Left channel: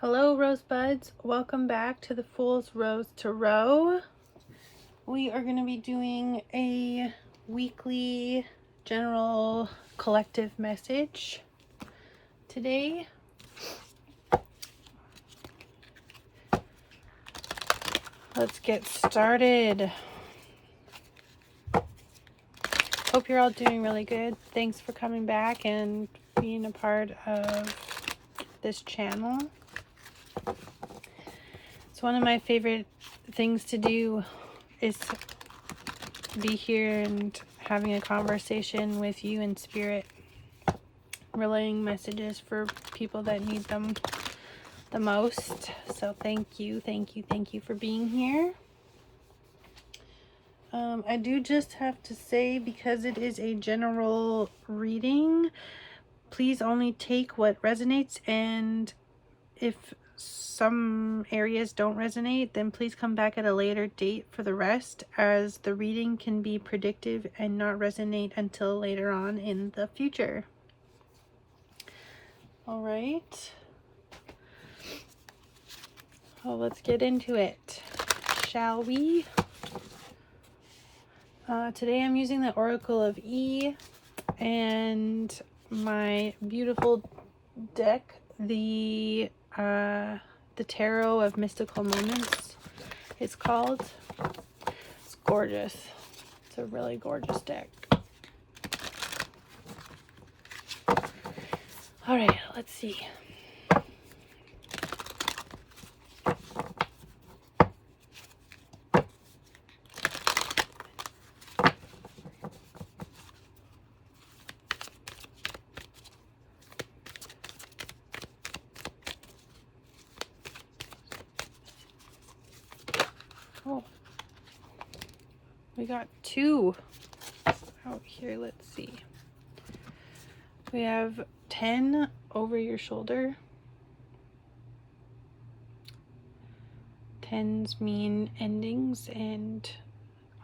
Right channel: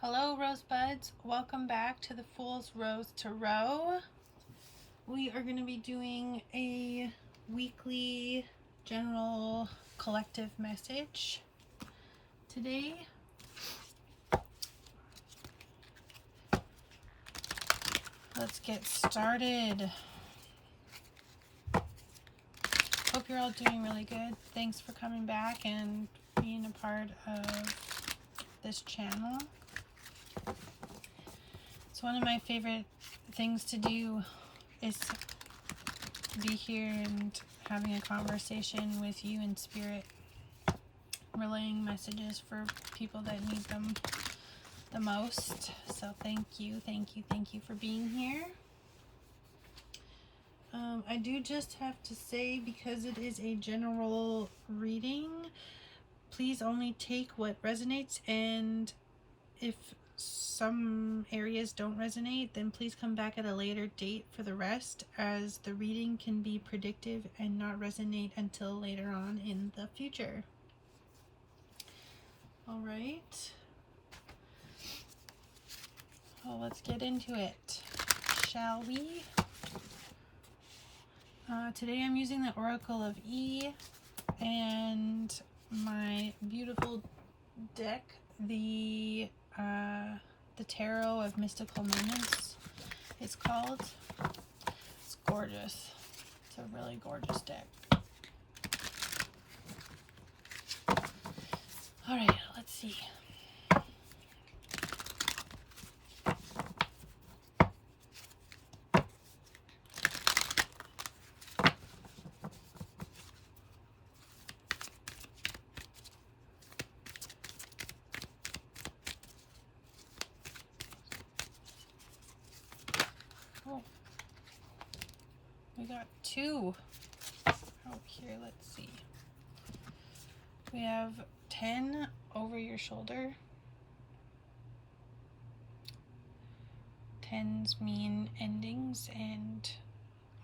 Hello rosebuds, welcome back to the Fool's Rose Tarot. We are going to be doing a weekly general collective message today. Let's get started. Hope you're all doing really good. Thanks for coming back and being a part of this channel. It's one of my favorite things to do is be here and having a conversation with you in spirit, relaying messages for people that need them the most. So thank you for being here. I do just have to say, because it is a general reading, please only take what resonates, and if some areas don't resonate, then please come back at a later date for the rest, as the reading can be predictive and not resonate until later on in the future. All right. Well, let's get into it, shall we? Today I'm using the Oracle of E and my beautiful deck, the Tarot of Mystical Moments, it's called. It's gorgeous. It's a really gorgeous deck. All right, let's see. Oh, we got two out here. Let's see. We have 10 over your shoulder. 10s mean endings and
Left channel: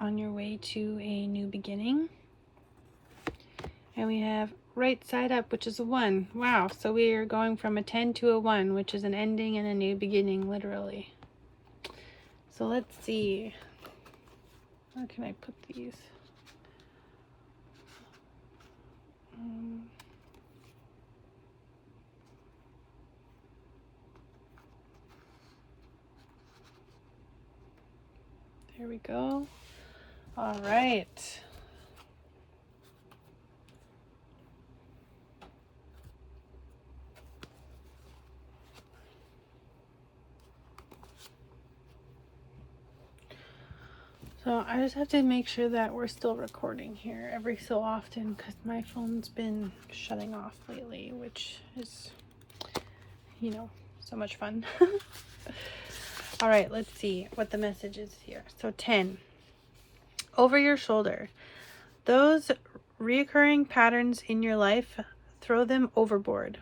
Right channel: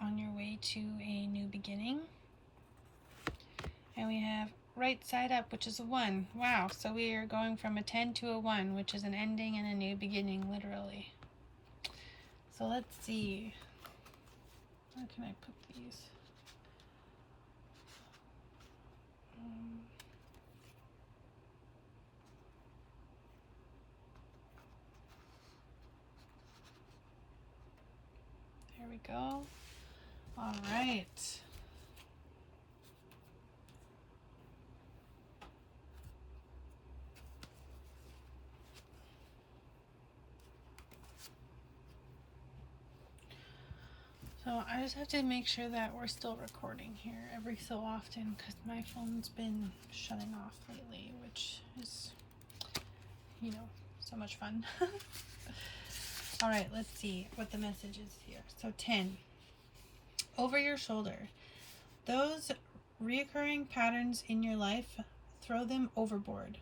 on your way to a new beginning. And we have right side up, which is a 1. Wow, so we are going from a 10 to a 1, which is an ending and a new beginning, literally. So let's see. Where can I put these? There we go. All right. So I just have to make sure that we're still recording here every so often, because my phone's been shutting off lately, which is, you know, so much fun. All right, let's see what the message is here. So 10, over your shoulder. Those reoccurring patterns in your life, throw them overboard.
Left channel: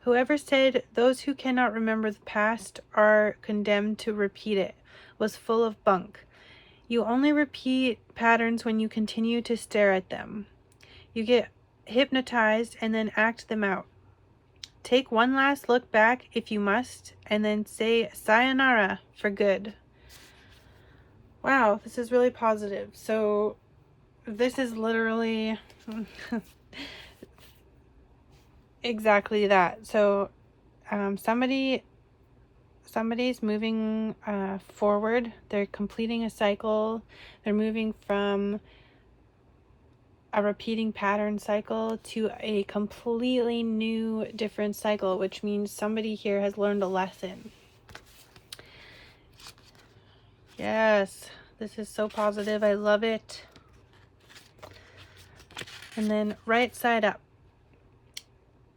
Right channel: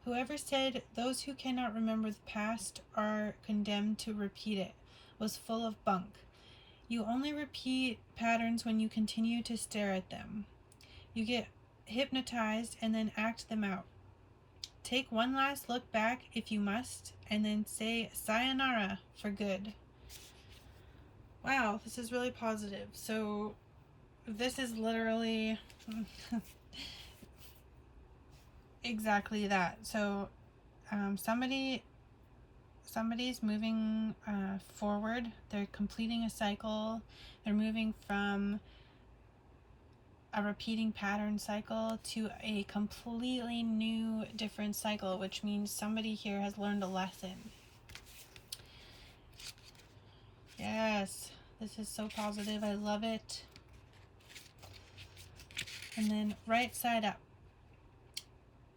Whoever said those who cannot remember the past are condemned to repeat it was full of bunk. You only repeat patterns when you continue to stare at them. You get hypnotized and then act them out. Take one last look back if you must, and then say sayonara for good. Wow, this is really positive. So this is literally exactly that. So somebody's moving forward. They're completing a cycle. They're moving from a repeating pattern cycle to a completely new, different cycle, which means somebody here has learned a lesson. Yes, this is so positive. I love it. And then right side up.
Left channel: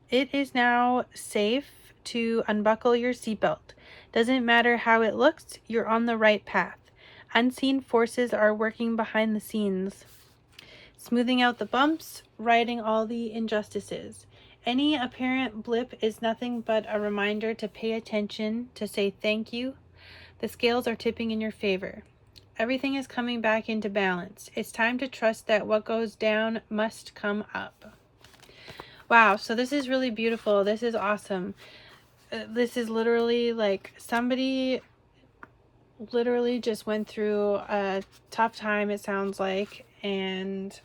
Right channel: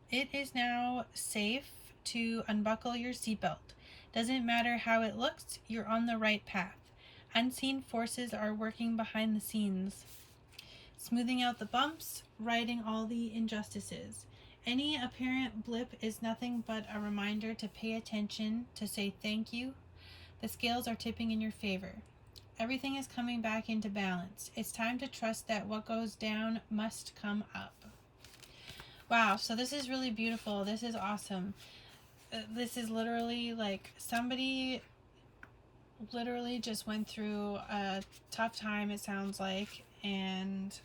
It is now safe to unbuckle your seatbelt. Doesn't matter how it looks, you're on the right path. Unseen forces are working behind the scenes, smoothing out the bumps, righting all the injustices. Any apparent blip is nothing but a reminder to pay attention, to say thank you. The scales are tipping in your favor. Everything is coming back into balance. It's time to trust that what goes down must come up. Wow, so this is really beautiful. This is awesome. this is literally like somebody literally just went through a tough time, it sounds like, and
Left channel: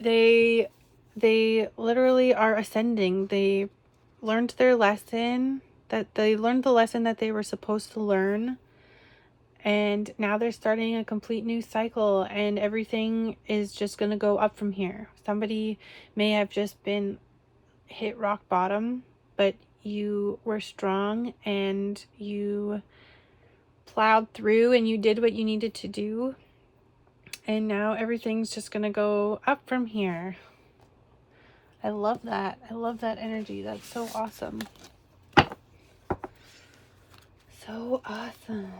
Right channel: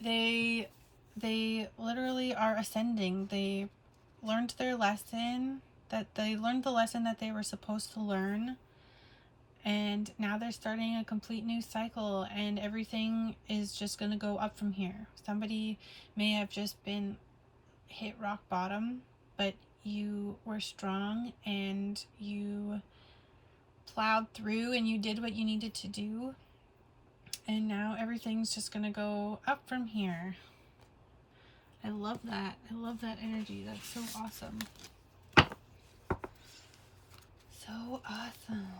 they literally are ascending. They learned their lesson, the lesson that they were supposed to learn, and now they're starting a complete new cycle, and everything is just going to go up from here. Somebody may have just been hit rock bottom, but you were strong and you plowed through and you did what you needed to do, and now everything's just gonna go up from here. I love that. I love that energy. That's so awesome. So awesome.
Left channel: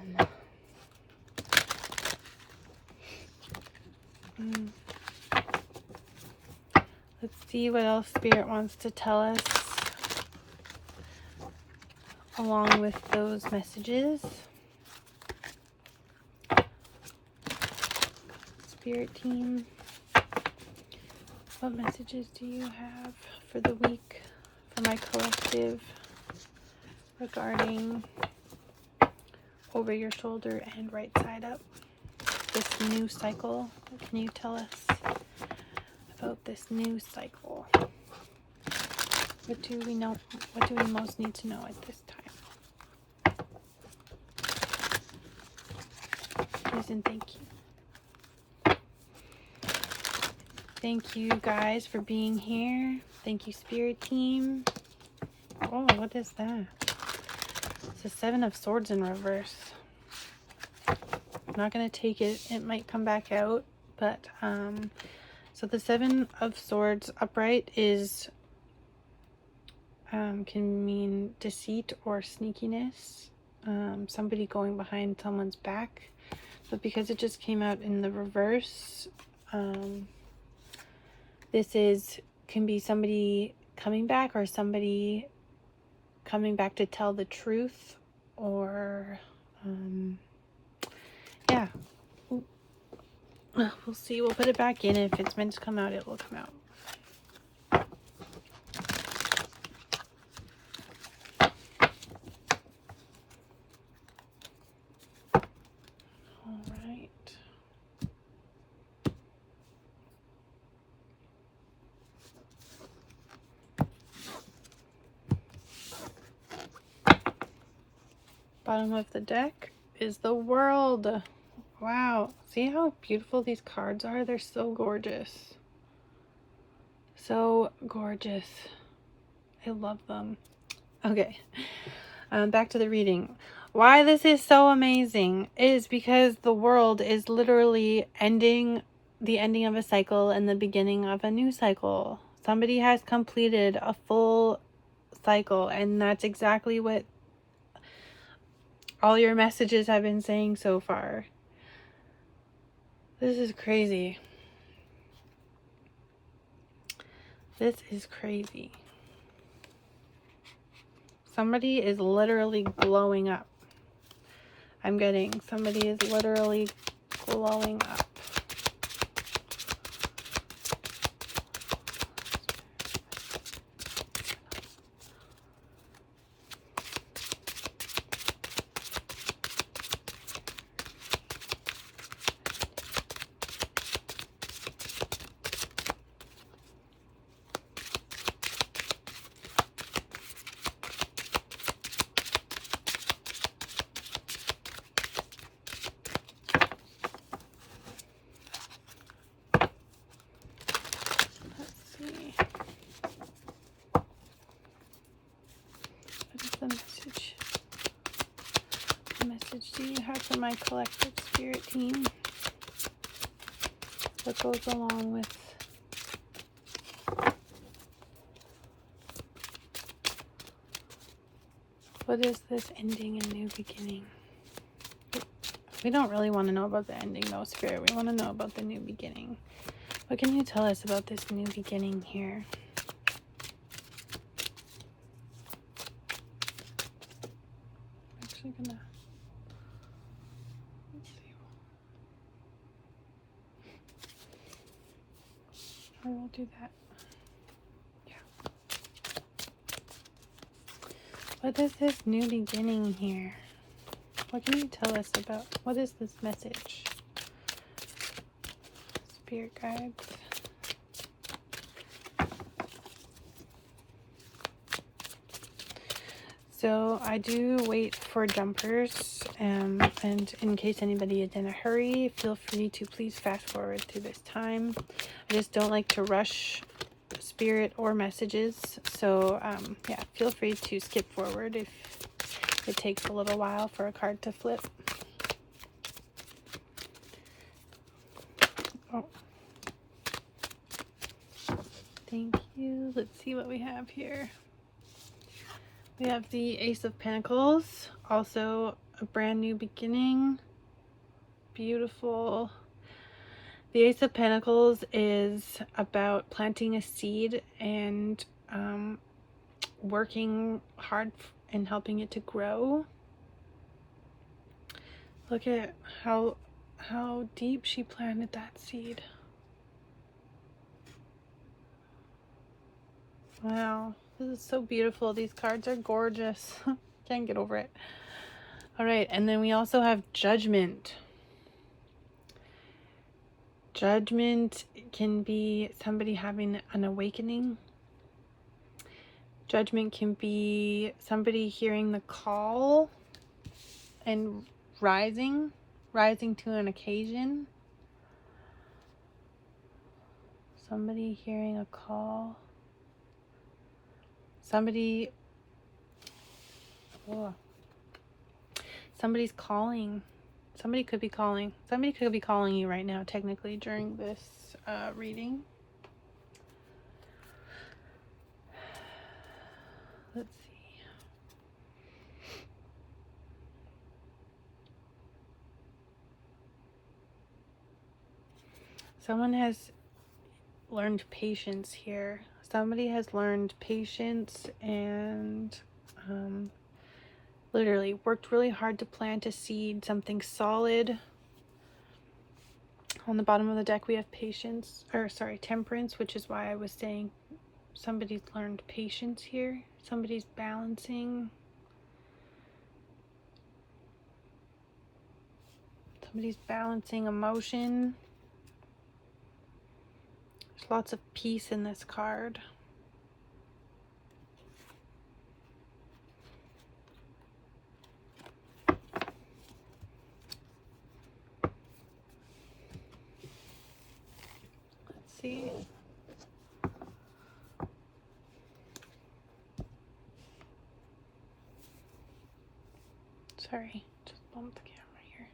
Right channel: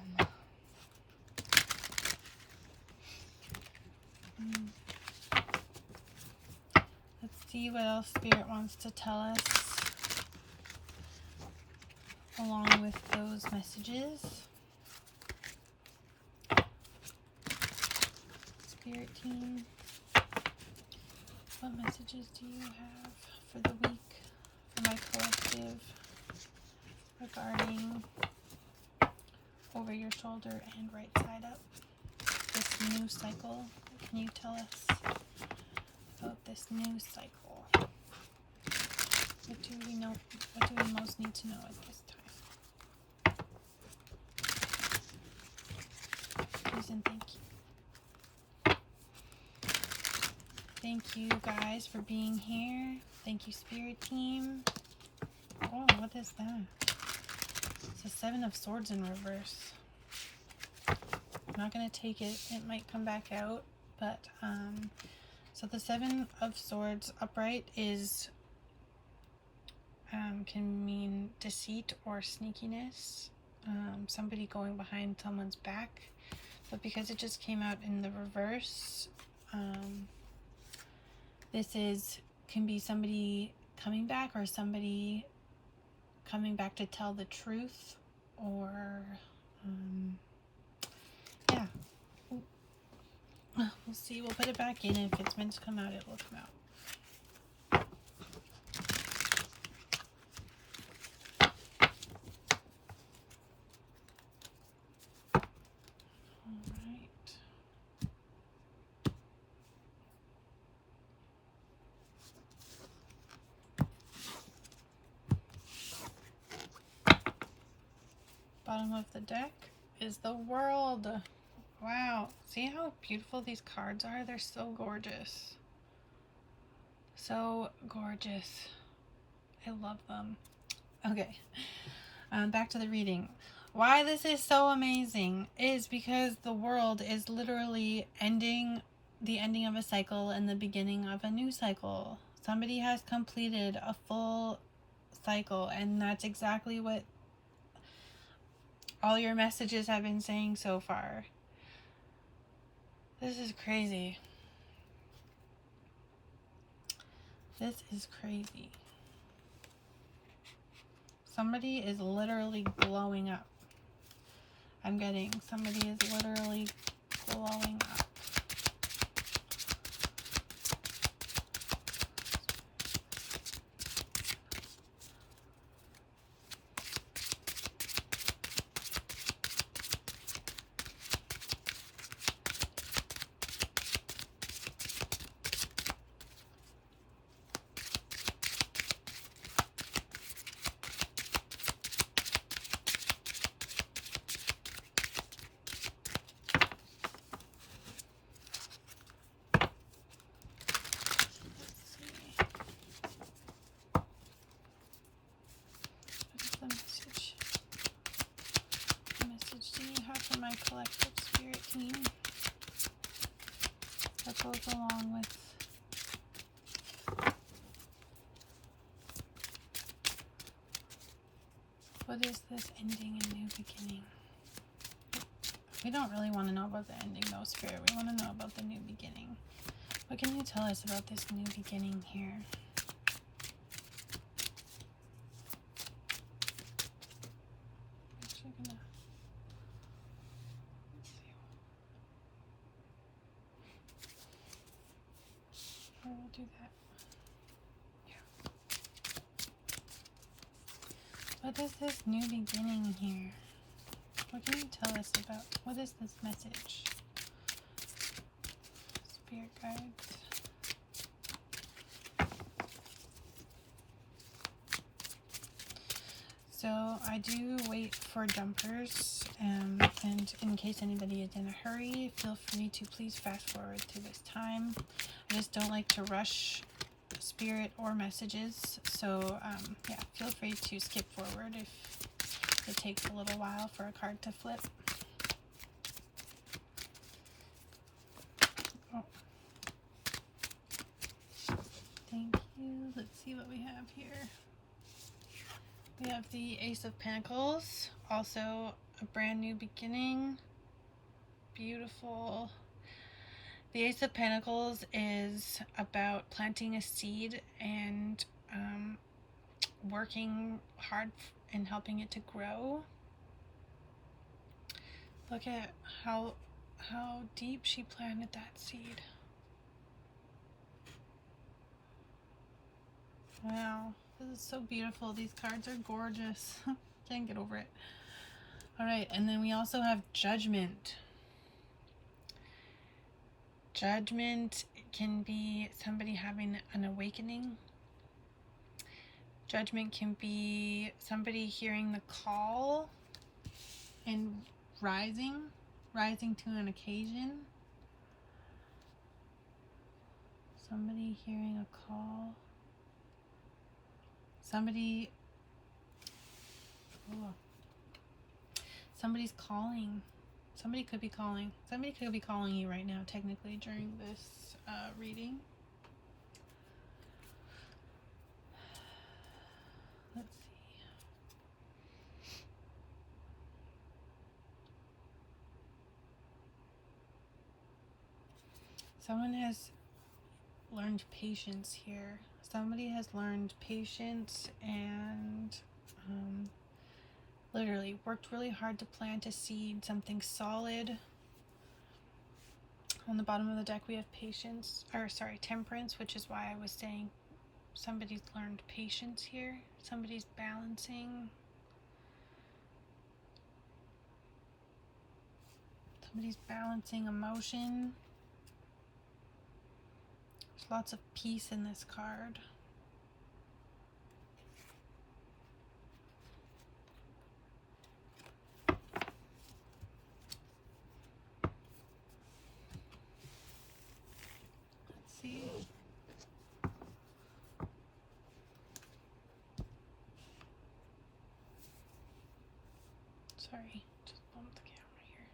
Let's see what else Spirit wants to tell us along with those messages. Spirit team, what messages do you have for the week for my collective regarding over your shoulder and right side up, this new cycle? What can you tell us about this new cycle? What do we know? What do we most need to know at this time? Please and thank you. Thank you guys for being here. Thank you, Spirit team. Oh, what is that? It's a 7 of Swords in reverse. I'm not going to take it. It might come back out. But, so the 7 of Swords upright is, can mean deceit or sneakiness. Somebody going behind someone's back. But because it just came out in the reverse, this can be somebody coming back, or somebody coming back to tell the truth, or yeah, we'll see. We'll put it back in. If it's meant to come out, it will come out. All right. Bottom of the deck is the World. Wow. See how beautiful these cards are? They're so gorgeous. So gorgeous. I love them. Okay. Back to the reading. Why this is so amazing is because the World is literally the ending of a cycle and the beginning of a new cycle. Somebody has completed a full cycle, and that's exactly what all your messages have been saying so far. This is crazy. This is crazy. Somebody is literally glowing up. I'm getting somebody is literally glowing up. Do you have for my collective Spirit team that goes along with what is this ending and new beginning? We don't really want to know about the ending though, Spirit. We want to know about the new beginning. What can you tell us about this new beginning here? I'm actually gonna I will do that. Yeah. What is this new beginning here? What can you tell us about, what is this message? Spirit guides. So I do wait for jumpers, and in case anybody is in a hurry, feel free to please fast forward to this time. I just don't like to rush spirit or messages, so yeah, feel free to skip forward if it takes a little while for a card to flip. Oh. Thank you. Let's see what we have here. We have the Ace of Pentacles, also a brand new beginning. Beautiful. The Ace of Pentacles is about planting a seed and working hard and helping it to grow. Look at how deep she planted that seed. Wow, this is so beautiful. These cards are gorgeous. Can't get over it. All right, and then we also have Judgment. Judgment can be somebody having an awakening. Judgment can be somebody hearing the call and rising to an occasion. Somebody hearing a call. Somebody's calling. Somebody could be calling. Somebody could be calling you right now, technically, during this reading. Let's see. Someone has learned patience here. Somebody has learned patience and literally worked really hard to plant a seed, something solid. On the bottom of the deck we have patience, or sorry, temperance, which is why I was saying somebody's learned patience here. Somebody's balancing. Somebody's balancing emotion. There's lots of peace in this card. Let's see. Sorry, just bumped the camera here.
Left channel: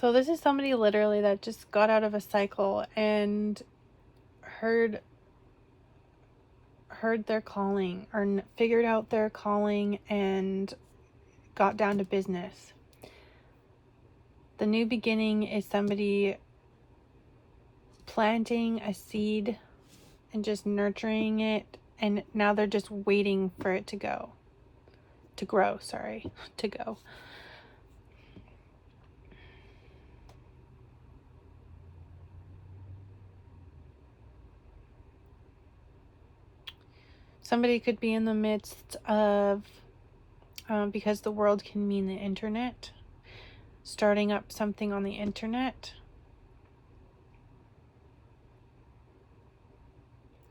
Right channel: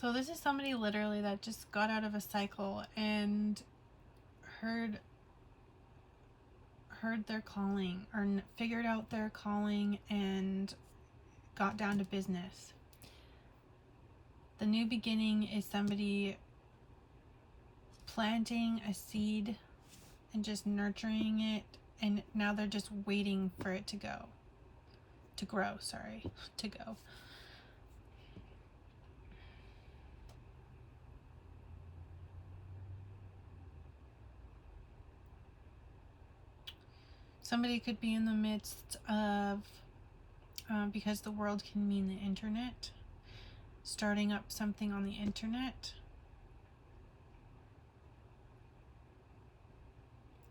So this is somebody literally that just got out of a cycle and heard their calling, or figured out their calling and got down to business. The new beginning is somebody planting a seed and just nurturing it, and now they're just waiting for it to grow. Somebody could be in the midst of, because the world can mean the internet, starting up something on the internet.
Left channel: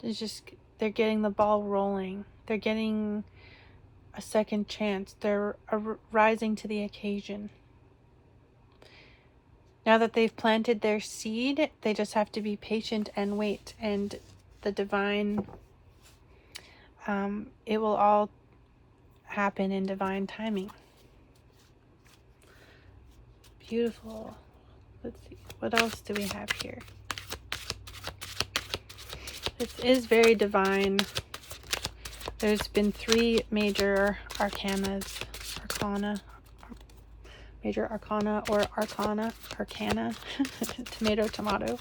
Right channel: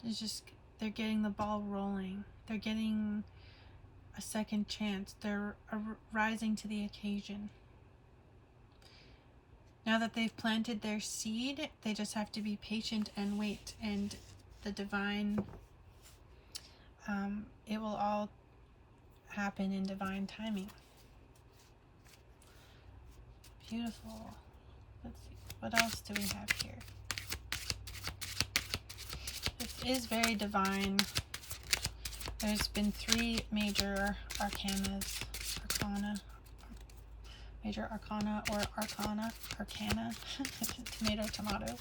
It's just, they're getting the ball rolling. They're getting a second chance. They're rising to the occasion. Now that they've planted their seed, they just have to be patient and wait. And the divine, it will all happen in divine timing. Beautiful. Let's see. What else do we have here? This is very divine. There's been 3 major arcana. major arcana or arcana, tomato.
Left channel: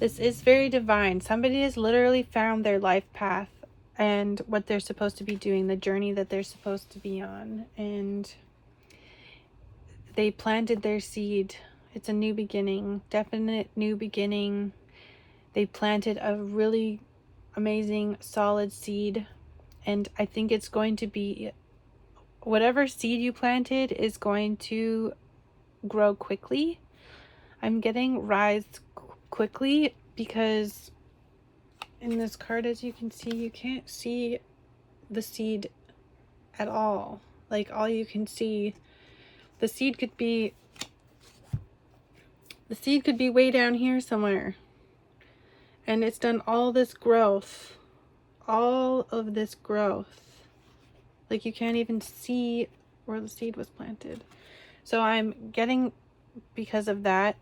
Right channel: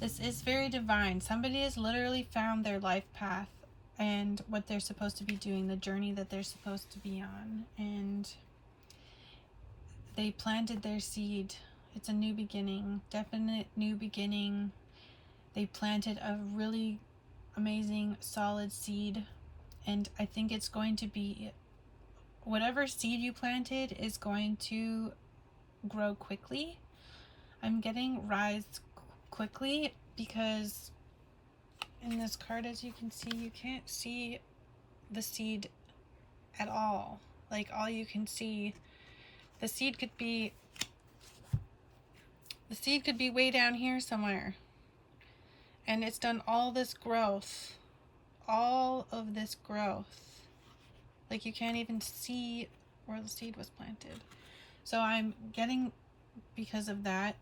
This is very divine. Somebody has literally found their life path and what they're supposed to be doing, the journey that they're supposed to be on, and they planted their seed. It's a new beginning, definite new beginning. They planted a really amazing, solid seed, and I think it's going to be, whatever seed you planted is going to grow quickly. I'm getting rise quickly because in this card, as you can see, you can't see the seed at all. Like, all you can see, the seed could be way down here somewhere, and it's done all this growth, all of this growth. Like, you can't even see where the seed was planted. So I'm getting, because of that,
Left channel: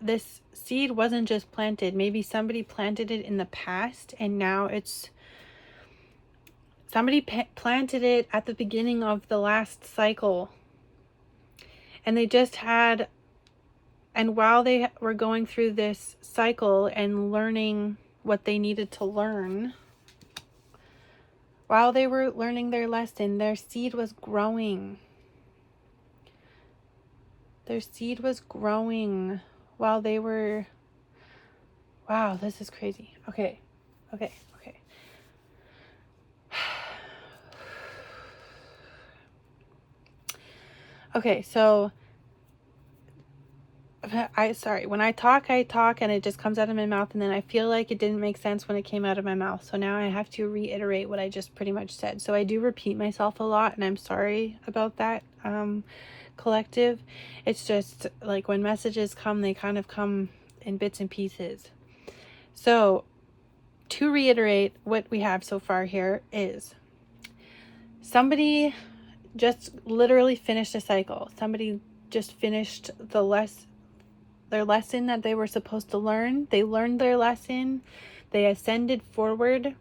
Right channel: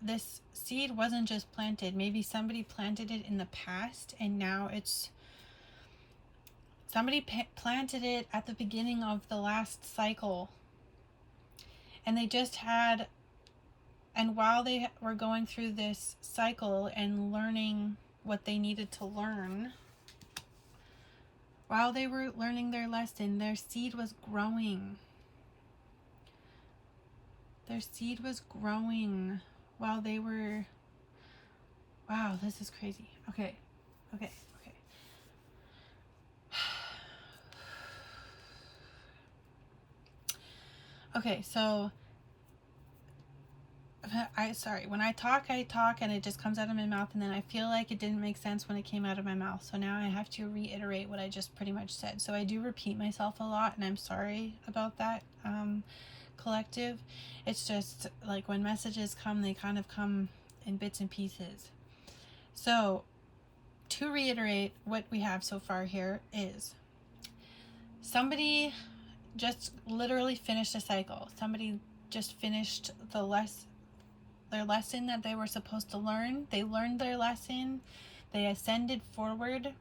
this seed wasn't just planted. Maybe somebody planted it in the past, and now it's somebody planted it at the beginning of the last cycle, and they just had, and while they were going through this cycle and learning what they needed to learn, while they were learning their lesson, their seed was growing. Their seed was growing while they were, wow, this is crazy. Okay. Okay, so sorry, when I talk and it just comes out of my mouth, and then I feel like it didn't make sense when it came out of my mouth. So now I have to reiterate what I just pretty much said. So I do repeat myself a lot, and I'm sorry about that, collective. It's just like when messages come, they kind of come in bits and pieces. So to reiterate, what we have so far here is somebody just literally finished a cycle. Somebody just finished their lesson that they were supposed to learn. They learned their lesson. They ascended forward.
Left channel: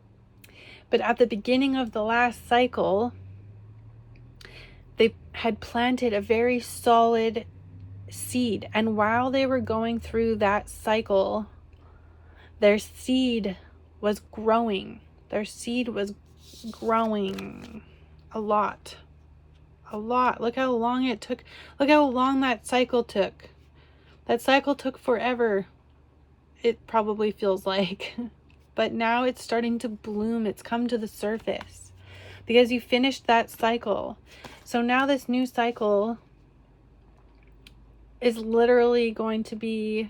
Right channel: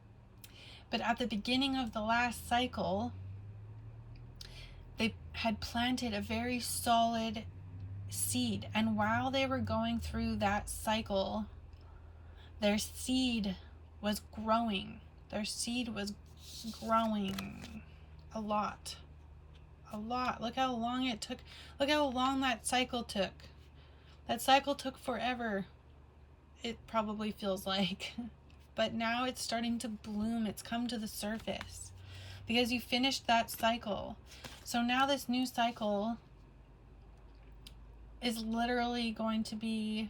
But at the beginning of the last cycle, they had planted a very solid seed. And while they were going through that cycle, their seed was growing. Their seed was growing a lot. Look how long it took. Look how long that cycle took. That cycle took forever. It probably feels like. But now it's starting to bloom. It's come to the surface because you finished that cycle. So now this new cycle is literally going to be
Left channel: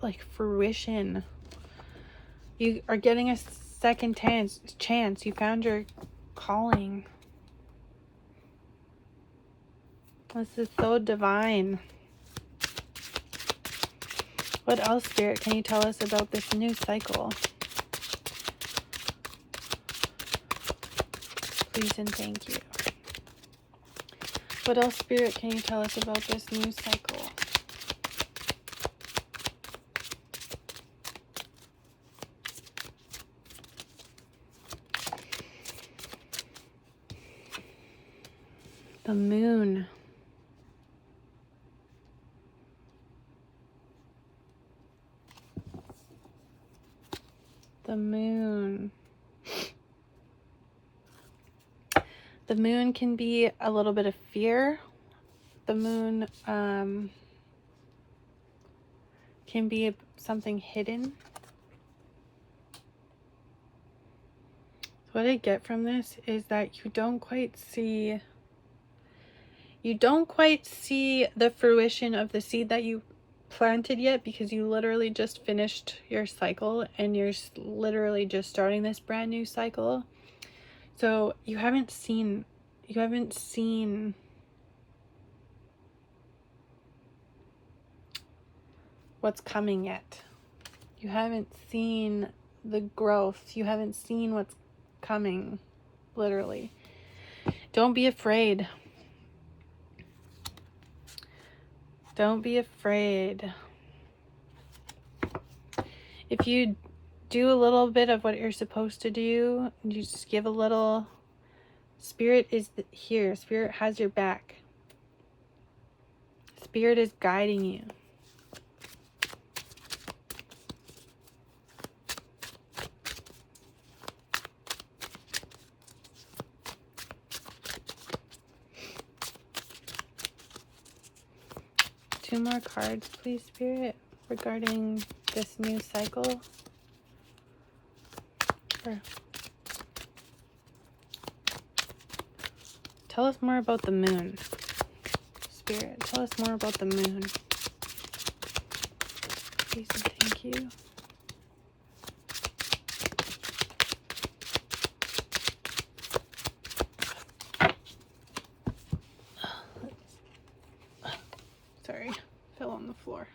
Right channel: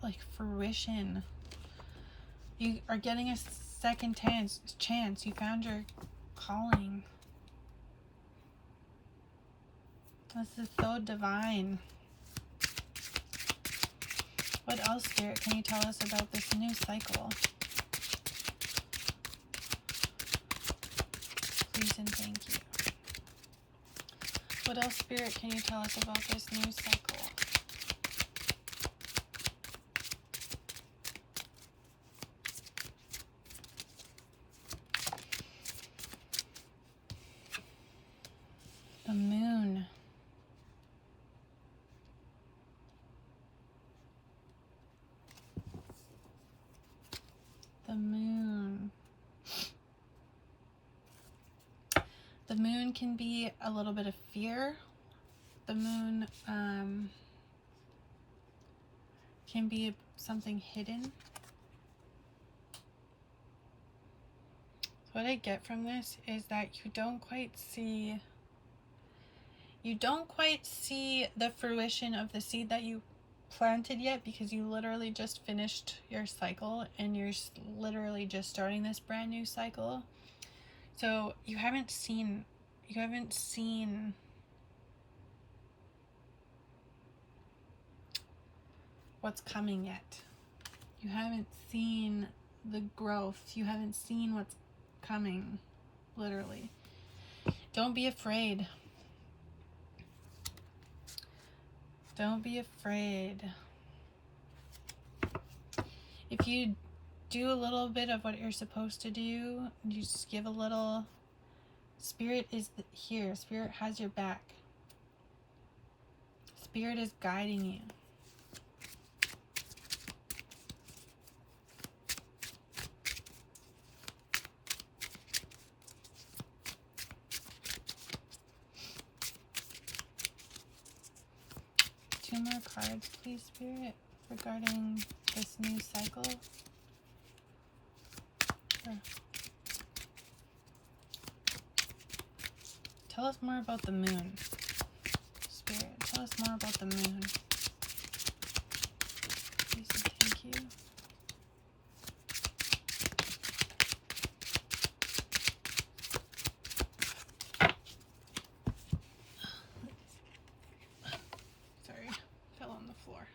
like fruition. You are getting a second chance. You found your calling. This is so divine. What else, Spirit, can you tell us about this new cycle? Please and thank you. What else, Spirit, can you tell us about this new cycle? The moon. The moon. The moon can be a little bit of fear. The moon can be something hidden. So what I get from this is that you don't quite see the fruition of the seed that you planted yet, because you literally just finished your cycle and you're literally just starting this brand new cycle. So you haven't seen what's coming yet. You haven't seen the growth. You haven't seen what's coming, literally. Don't be afraid. Don't be afraid. If you do a little bit of what you're supposed to do. You just give a little. Spirit is here. Spirit has your back. Spirit is guiding you. Two more cards, please, Spirit, regarding this new cycle. Sure. Tell us more about the moon. Spirit, tell us more about the moon. Please and thank you. Sorry, fell on the floor.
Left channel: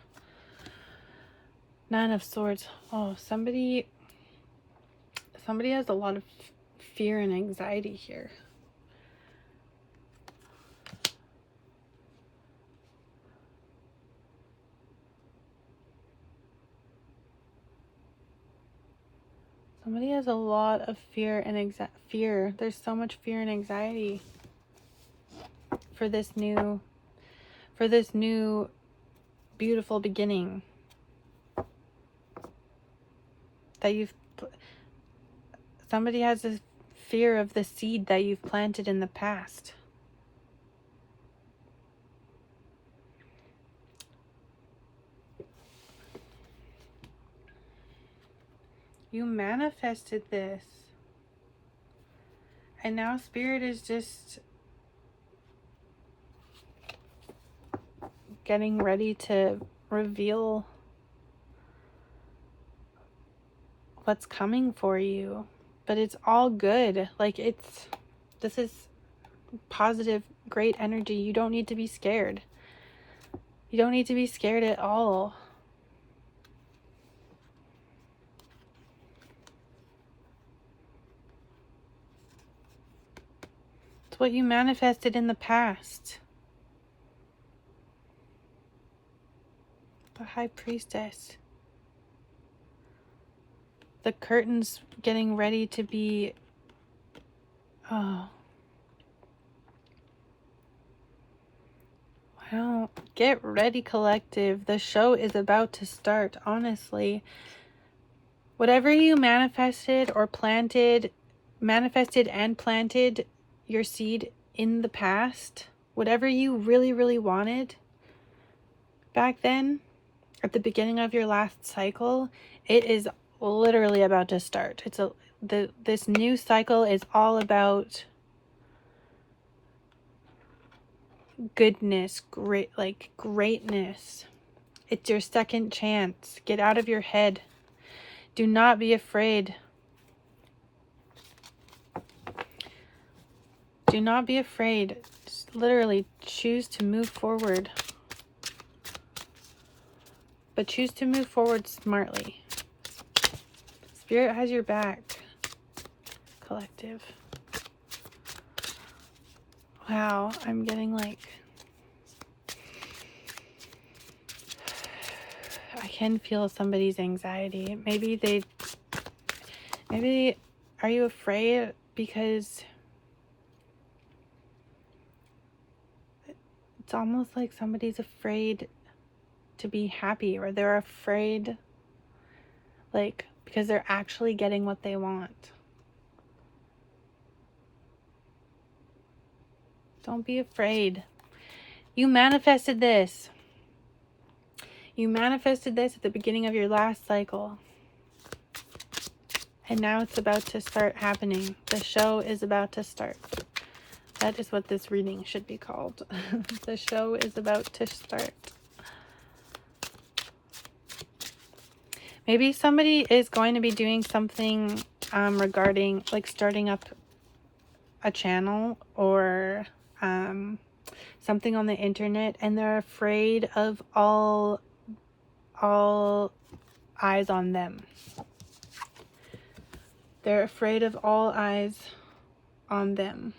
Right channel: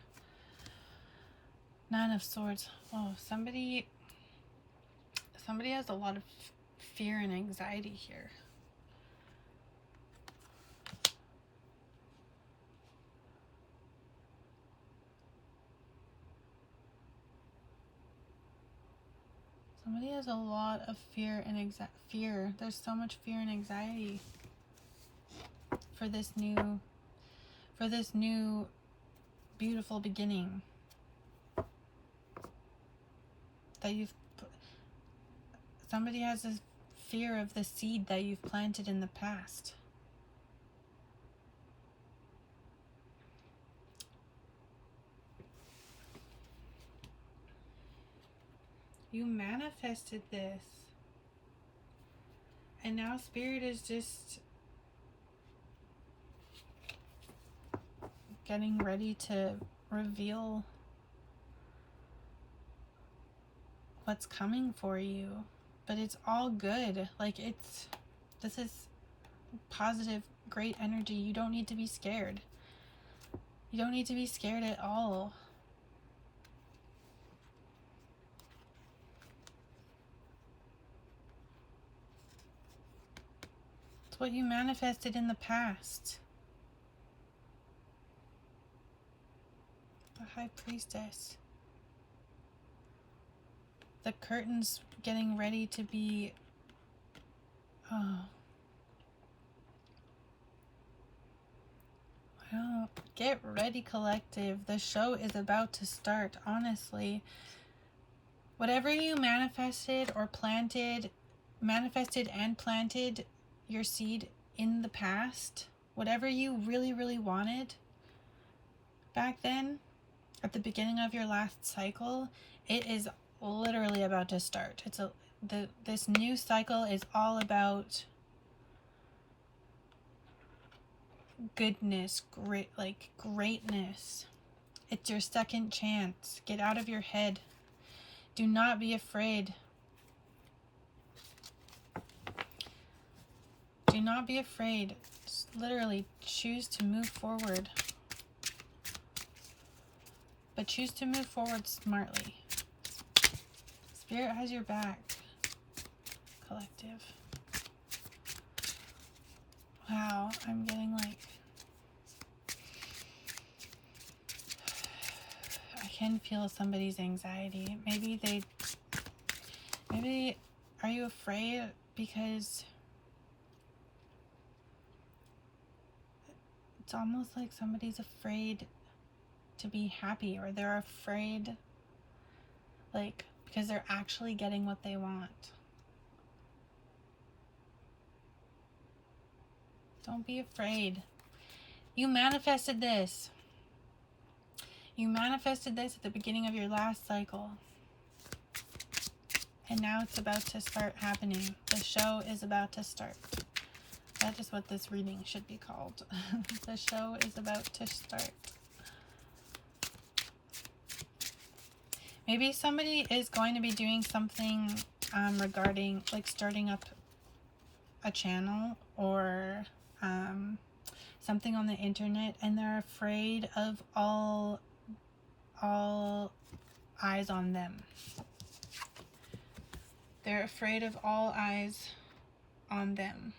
Nine of Swords. Oh, somebody has a lot of fear and anxiety here. Somebody has a lot of fear and fear. There's so much fear and anxiety for this new beautiful beginning that somebody has this fear of the seed that you've planted in the past. You manifested this. And now Spirit is just getting ready to reveal what's coming for you. But it's all good. Like, this is positive, great energy. You don't need to be scared. You don't need to be scared at all. It's what you manifested in the past. The High Priestess. The curtain's getting ready to be... Oh. Wow. Get ready, collective. The show is about to start, honestly. Whatever you manifested and planted your seed in the past, whatever you really, really wanted back then, at the beginning of your last cycle, it is literally about to start. This new cycle is all about goodness, greatness. It's your second chance. Get out of your head. Do not be afraid. Do not be afraid. Just literally choose to move forward. But choose to move forward smartly. Spirit has your back, collective. Wow, I'm getting like... I can feel somebody's anxiety. Maybe are you afraid because it's almost like somebody's afraid to be happy, or they're afraid, like, because they're actually getting what they want. Don't be afraid. You manifested this. You manifested this at the beginning of your last cycle. And now it's about to start happening. The show is about to start. That is what this reading should be called. The show is about to start. Maybe somebody is going to be doing something regarding, like, starting up a channel or something on the internet, and they're afraid of all eyes on them. They're afraid of all eyes on them.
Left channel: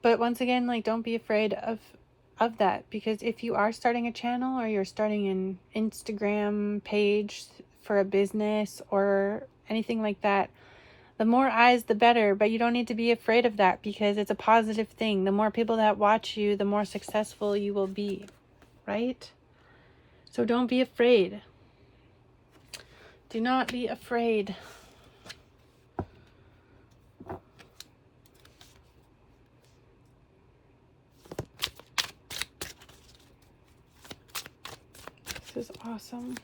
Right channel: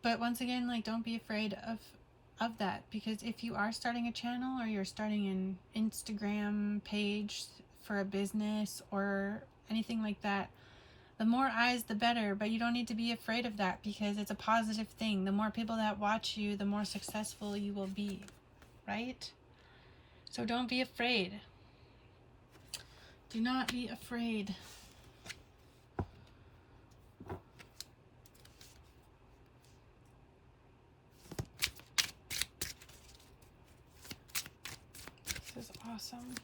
But once again, like, don't be afraid of of that, because if you are starting a channel or you're starting an Instagram page for a business or anything like that, the more eyes the better, but you don't need to be afraid of that because it's a positive thing. The more people that watch you, the more successful you will be, right? So don't be afraid. Do not be afraid. This is awesome.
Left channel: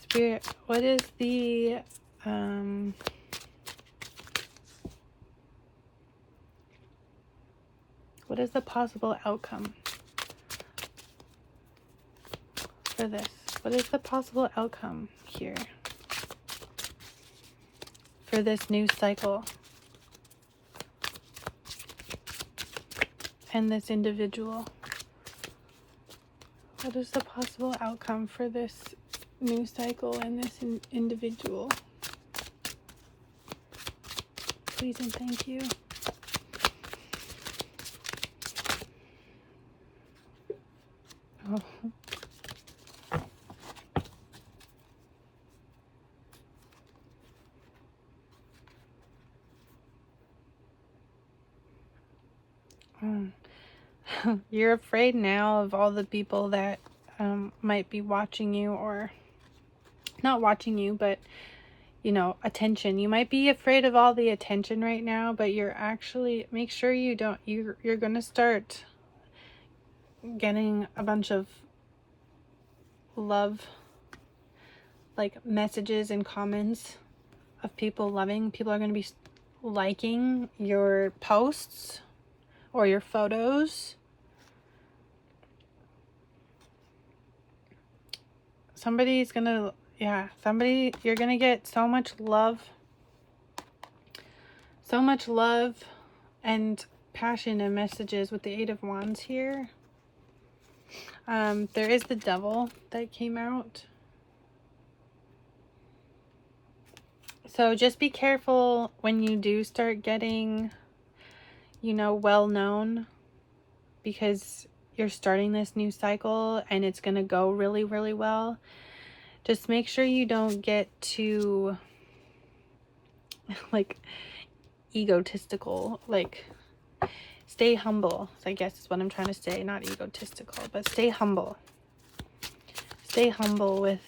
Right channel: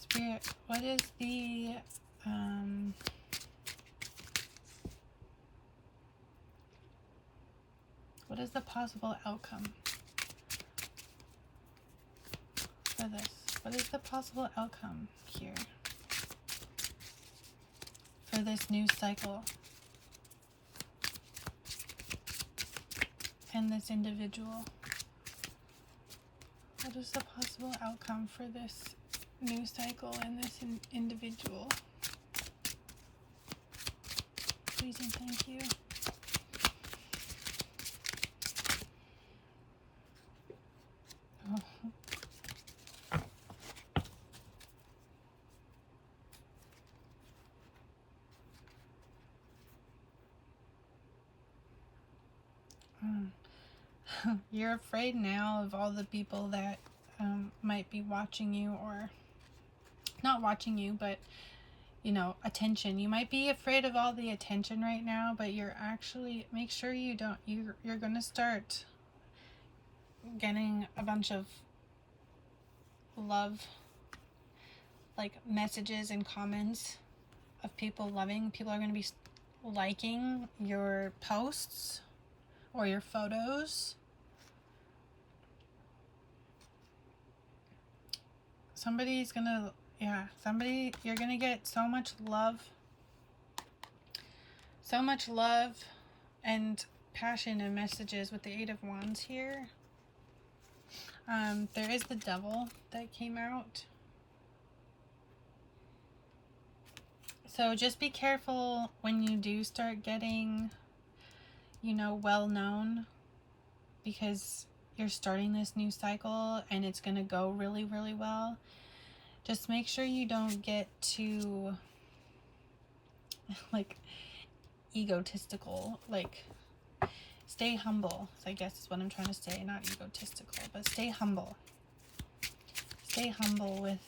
Spirit, what is the what is the possible outcome for this? What is the possible outcome here for this new cycle and this individual? What is the possible outcome for this new cycle and this individual? Please and thank you. Oh. You're afraid now of all the people that might be watching you, or not watching you, but you know, attention. You might be afraid of all the attention right now, but you're actually, make sure you don't, you're gonna start getting a bunch of love, like messages and comments of people loving. People are gonna be liking your posts or your photos. Somebody's gonna, yeah, somebody, you're gonna get so much love and passion and messages with the Eight of Wands here. There is the Devil that came out. So just be careful when you do start getting, you know, well known, because you're starting this new cycle and it's going to go really, really well. Just make sure you don't get too, like, egotistical. Like, stay humble, I guess is what I'm trying to say. Not egotistical, but stay humble. Stay humble with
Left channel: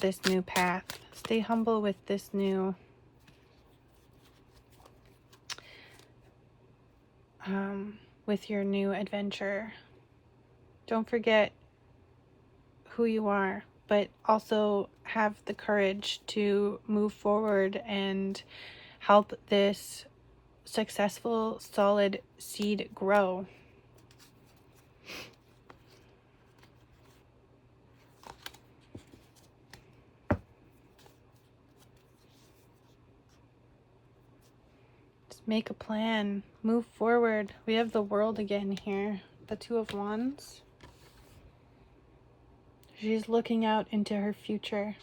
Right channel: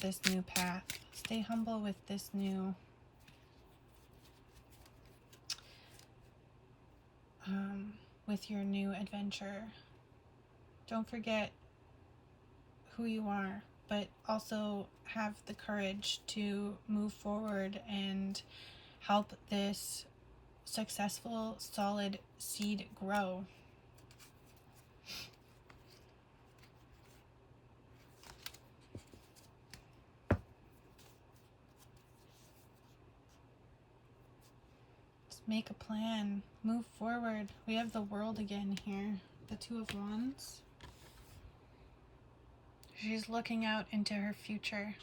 this new path. Stay humble with this new with your new adventure. Don't forget who you are, but also have the courage to move forward and help this successful, solid seed grow. Just make a plan. Move forward. We have the World again here. The Two of Wands. She's looking out into her future,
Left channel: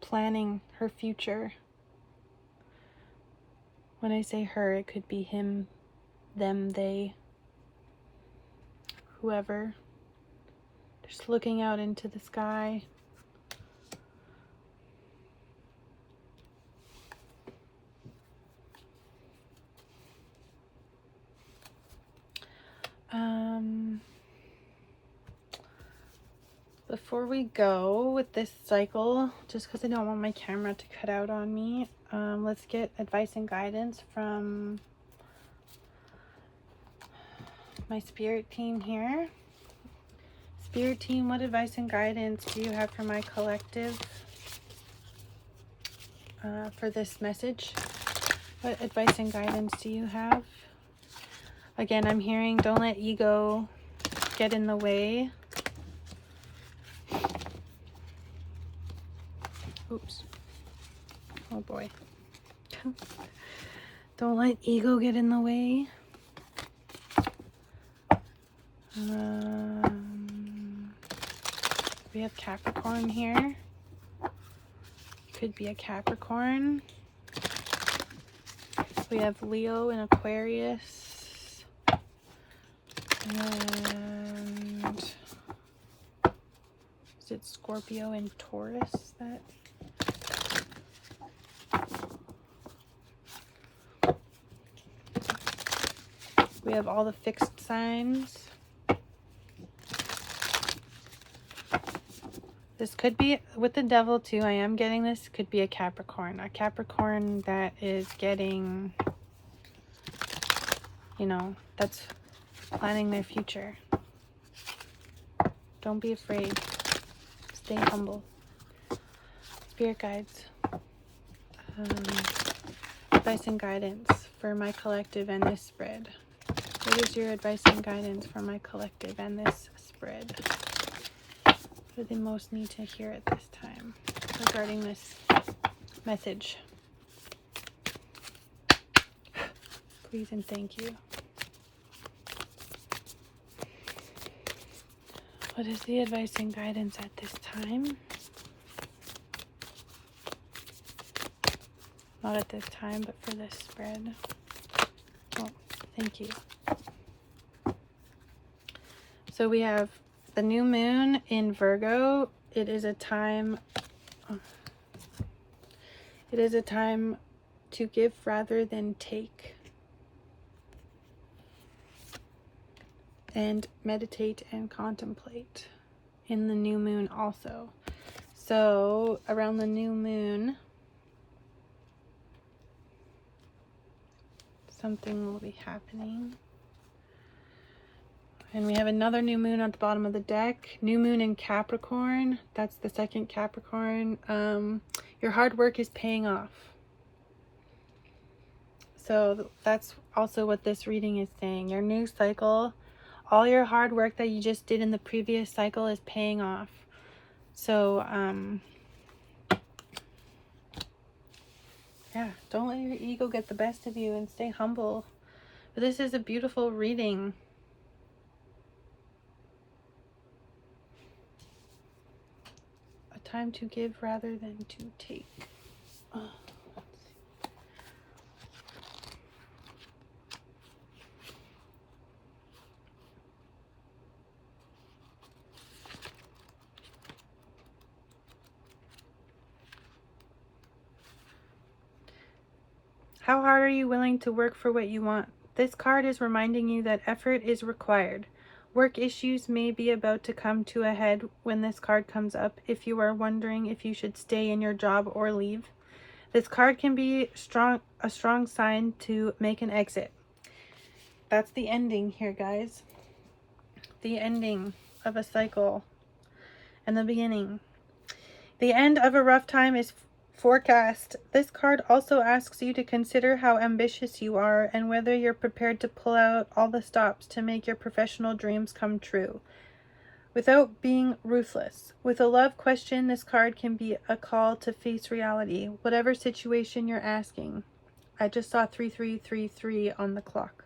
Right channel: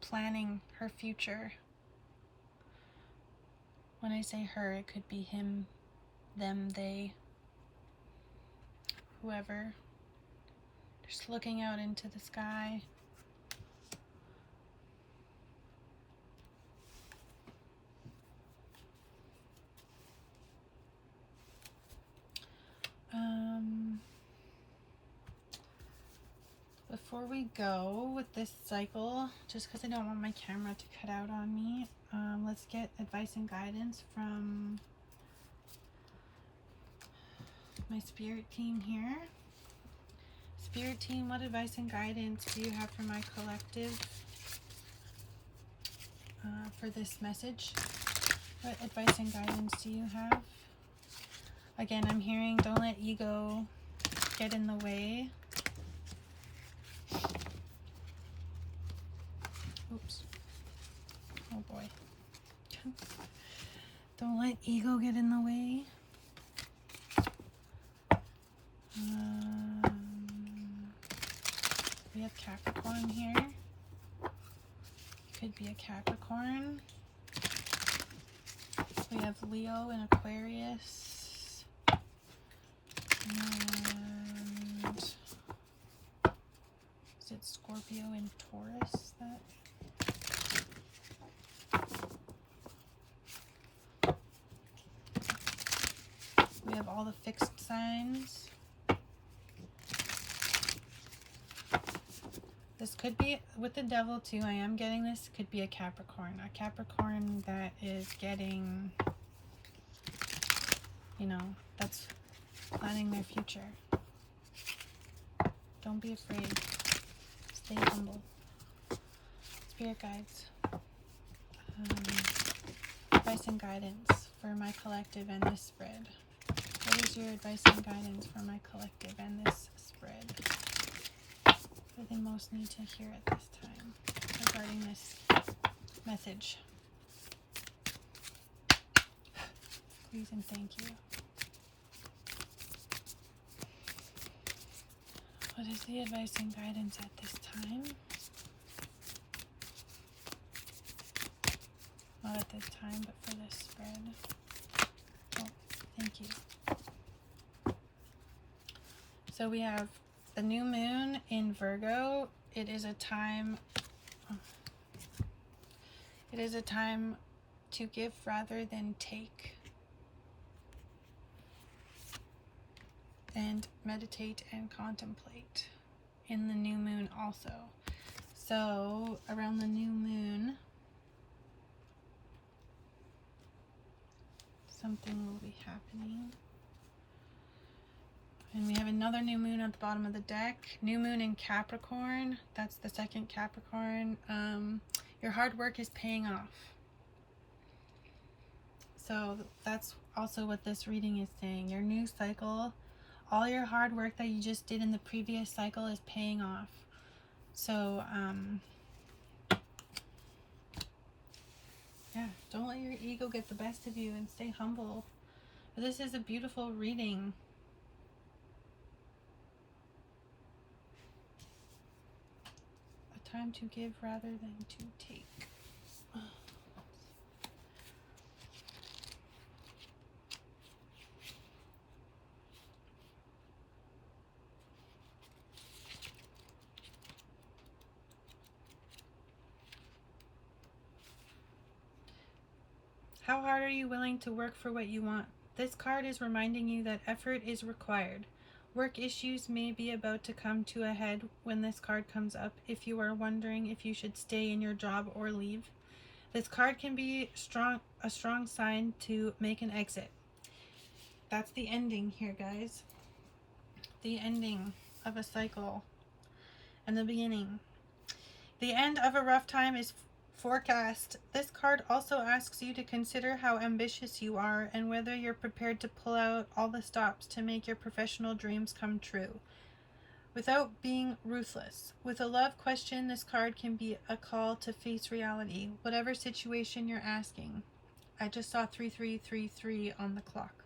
planning her future. When I say her, it could be him, them, they, whoever. Just looking out into the sky. Before we go with this cycle, just because I don't want my camera to cut out on me, let's get advice and guidance from my spirit team here. Spirit team, what advice and guidance do you have for my collective for this message? What advice and guidance do you have? Again, I'm hearing don't let ego get in the way. Oops. Oh boy. Don't let ego get in the way. We have Capricorn here. Could be a Capricorn. We have Leo and Aquarius. And is it Scorpio and Taurus that? We have all the fixed signs. This could be with the devil too. I am getting this. Could be a Capricorn. A Capricorn that is getting, you know, that's planning their future. Don't be afraid. Stay humble. Spirit guides. Advice and guidance for my collective and this spread. What is your advice and guidance for my collective and this spread? What do they most need to hear at this time regarding this message? Please and thank you. What is the advice and guidance at this time? Not at this time, but for this spread. Oh, thank you. So we have the new moon in Virgo. It is a time to give rather than take. And meditate and contemplate in the new moon also. So around the new moon, something will be happening. And we have another new moon at the bottom of the deck. New moon in Capricorn. That's the second Capricorn. Your hard work is paying off. So that's also what this reading is saying. Your new cycle, all your hard work that you just did in the previous cycle is paying off. So, yeah, don't let your ego get the best of you and stay humble. But this is a beautiful reading. A time to give rather than to take. Oh. How hard are you willing to work for what you want? This card is reminding you that effort is required. Work issues may be about to come to a head when this card comes up if you are wondering if you should stay in your job or leave. This card can be a strong sign to make an exit. That's the ending here, guys. The ending of a cycle and the beginning. The end of a rough time is forecast. This card also asks you to consider how ambitious you are and whether you're prepared to pull out all the stops to make your professional dreams come true without being ruthless. With a love question, this card can be a call to face reality, whatever situation you're asking. I just saw 3333 on the clock.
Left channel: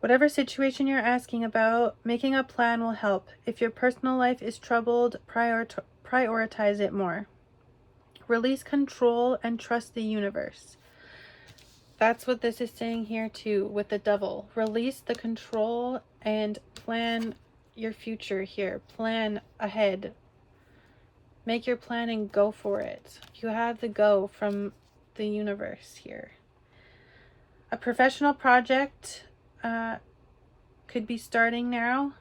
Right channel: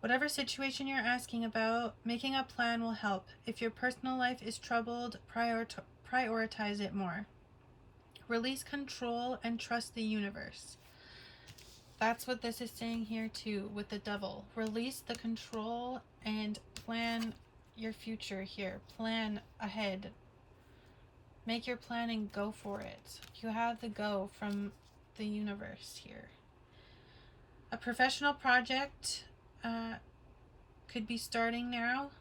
Whatever situation you're asking about, making a plan will help. If your personal life is troubled, prioritize it more. Release control and trust the universe. That's what this is saying here too with the devil. Release the control and plan your future here. Plan ahead. Make your plan and go for it. You have the go from the universe here. A professional project could be starting now.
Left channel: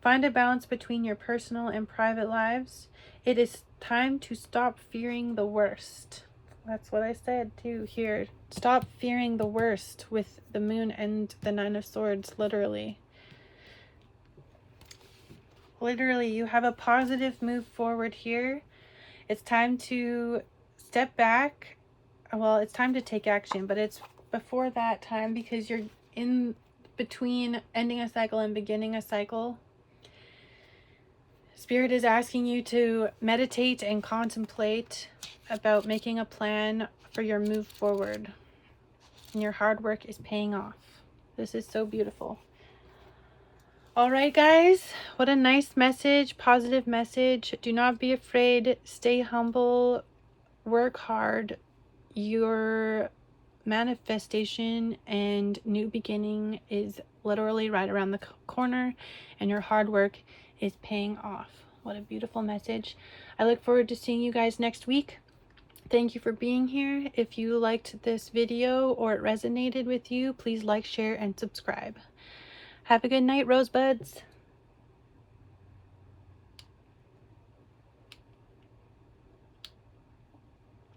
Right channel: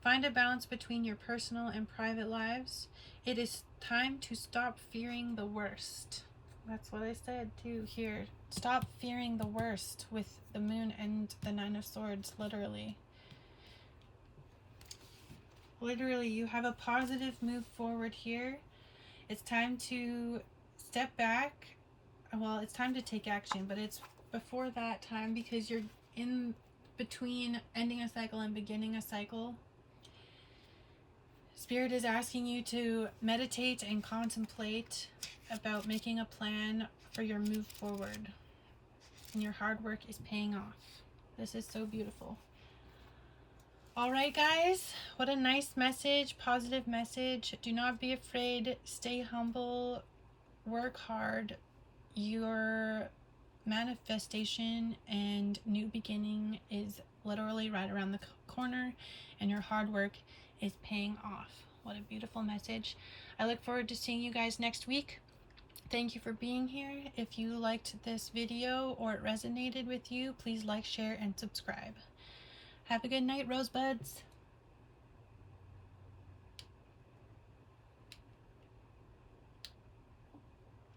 Find a balance between your personal and private lives. It is time to stop fearing the worst. That's what I said too here. Stop fearing the worst with the moon and the Nine of Swords, literally. Literally, you have a positive move forward here. It's time to step back. Well, it's time to take action, but it's before that time because you're in between ending a cycle and beginning a cycle. Spirit is asking you to meditate and contemplate about making a plan for your move forward. And your hard work is paying off. This is so beautiful. All right, guys, what a nice message, positive message. Do not be afraid. Stay humble. Work hard. Your manifestation and new beginning is literally right around the corner, and your hard work is paying off. What a beautiful message. I look forward to seeing you guys next week. Thank you for being here. If you liked this video or it resonated with you, please like, share, and subscribe. Have a good night, rosebuds.